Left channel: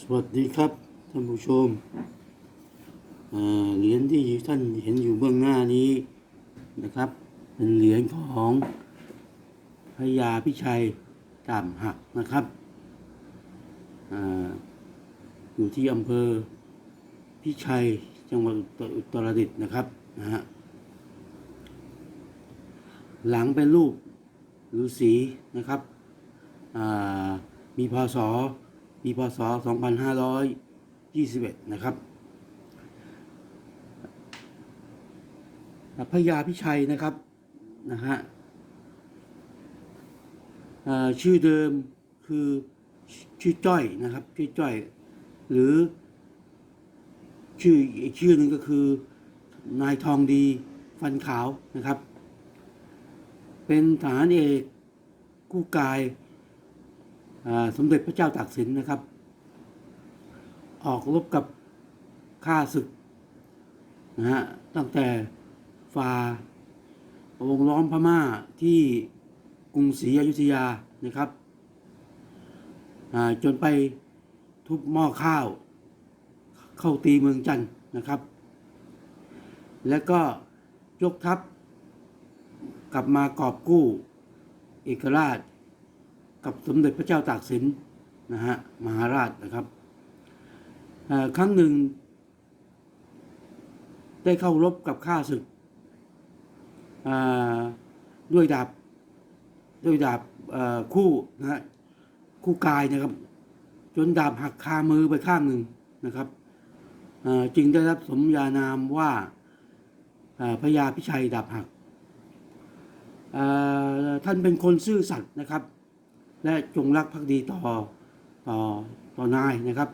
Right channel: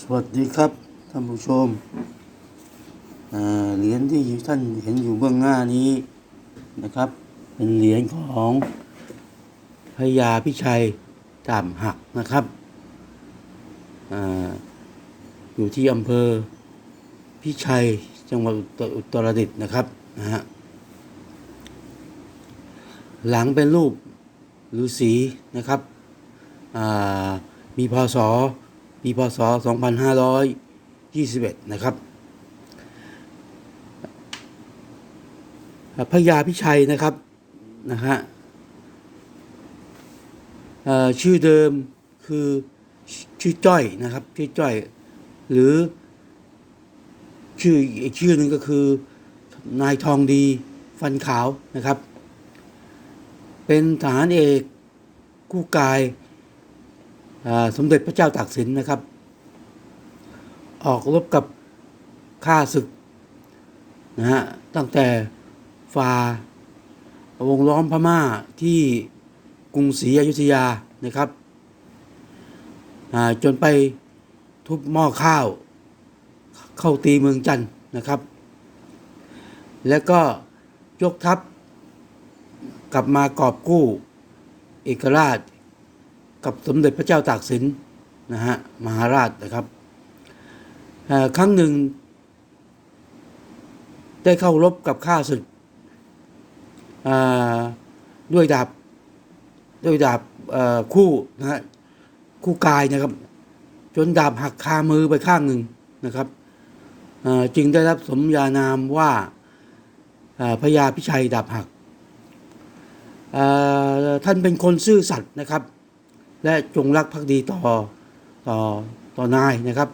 สวัสดีครับท่านผู้ชมเหรียญที่ท่านเห็นอยู่เบื้องหน้านี้นะครับ เป็นเหรียญของพระยาพิชัยจามหักนะครับออยู่ที่อำเภอพิชัยจังหวัดอุตรดิตถ์นะครับนะฮะหลังเป็นรูปฤาษีนะครับมีพศ ปีพศ 2521 นะครับ พระยาพิชัยนะครับนะฮะชื่อเดิมคือชื่อจ้อยนะครับชื่อจ้อย หรือชื่ออีกชื่อหนึ่งก็คือนายทองดีฟันขาวนะครับ เป็นทหารเอกกู้กาย สมเด็จพระเจ้าตากสินนะครับ ออกรบกับข้าศึกนะฮะตั้งแต่ฝ่าวงล้อมพม่าที่กรุงศรีอยุธยานะครับจนไปทุบหม้อข้าว เข้าตีเมืองจันทร์นะครับ แล้วก็ยกทัพกลับมากอบกู้เอกราช กับสมเด็จพระเจ้าตากสินนะฮะมหาราชนะครับครั้งหนึ่ง ได้เข้ารบกับข้าศึกด้วยดาบด้วยดาบคู่นะฮะคู่กายนะครับ จนดาบหักคามือไปข้างหนึ่งนะครับจึงได้รับสมญานามว่าพระยาพิชัยดาบหักท่านเป็นคนซื่อสัตย์นะครับ และจงรักภักดีต่อต่อต่อนายนะครับ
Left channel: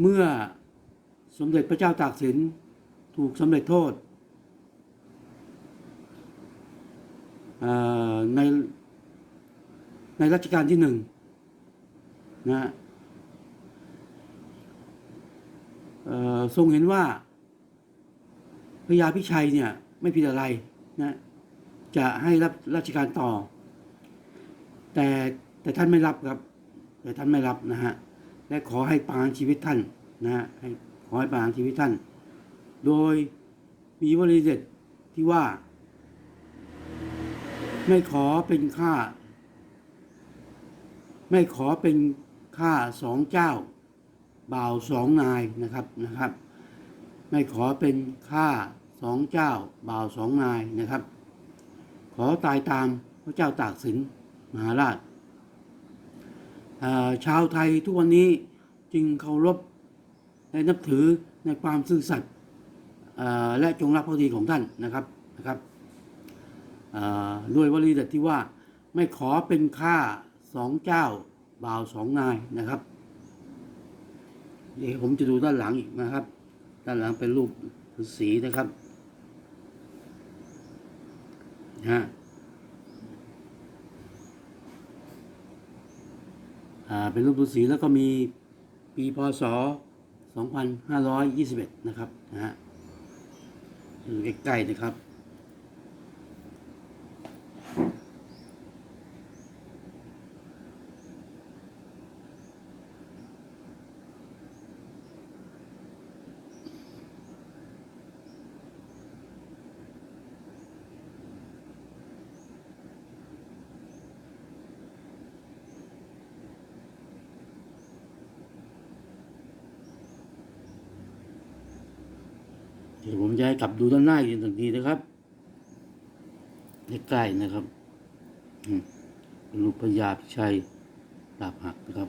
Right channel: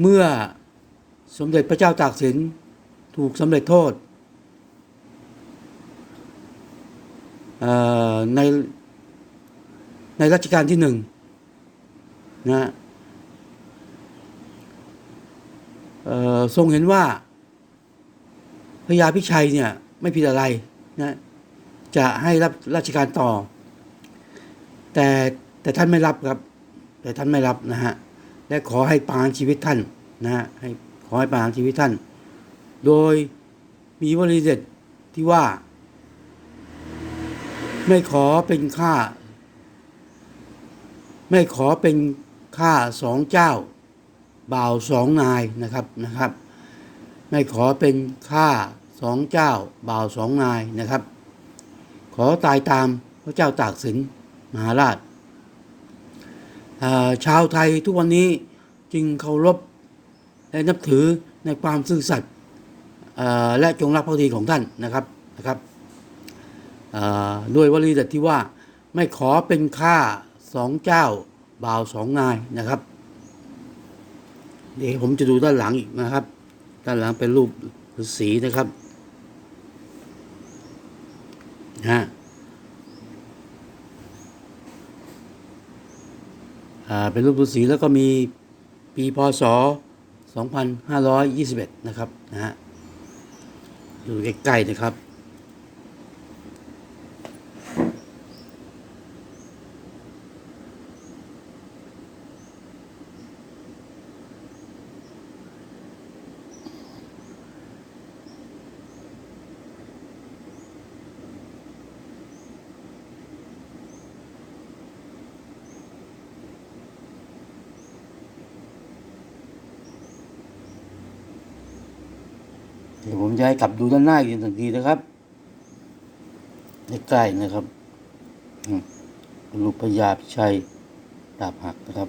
เมื่อสมเด็จพระเจ้าตากสินถูกสำเร็จโทษในในรัชกาลที่หนึ่งนะฮะทรงเห็นว่าพญาพิชัยเนี่ยไม่ผิดอะไรนะจะให้รับราชการต่อ แต่แต่ท่านไม่รับครับ แต่ท่านไม่รับนะฮะและขอให้ประหารชีวิตท่านนะฮะให้ขอให้ประหารชีวิตท่าน โดยมีวลีเด็ดที่ว่า ไม่ขอเป็นข้าไม่ขอเป็นข้าสองเจ้า บ่าวสองนายนะครับนะครับ ไม่ขอเป็นข้าสองเจ้า บ่าวสองนายนะครับ ขอตายตามพระเจ้าตากสิน มหาราชชาวไทยทุกวันนี้จึงเคารพและนับถือในความซื่อสัตย์และจงรักภักดีของท่านนะครับนะครับด้วยวลีเด็ดที่ว่าไม่ขอเป็นข้าสองเจ้าบ่าวสองนายนะครับ เดี๋ยวผมจะดูด้านหลังอีกนะครับ ด้านหลังเป็นรูปฤาษีนะครับฮะ อ่า เป็นรูปฤาษีแล้วก็มีปีพศ 2521 นะครับนะฮะดูใกล้ๆนะครับ เดี๋ยวผมจะให้กลับดูด้านหน้าอีกสักทีนะครับใกล้ๆนะครับ ลูกพญาพิชัยดาบหักนะครับ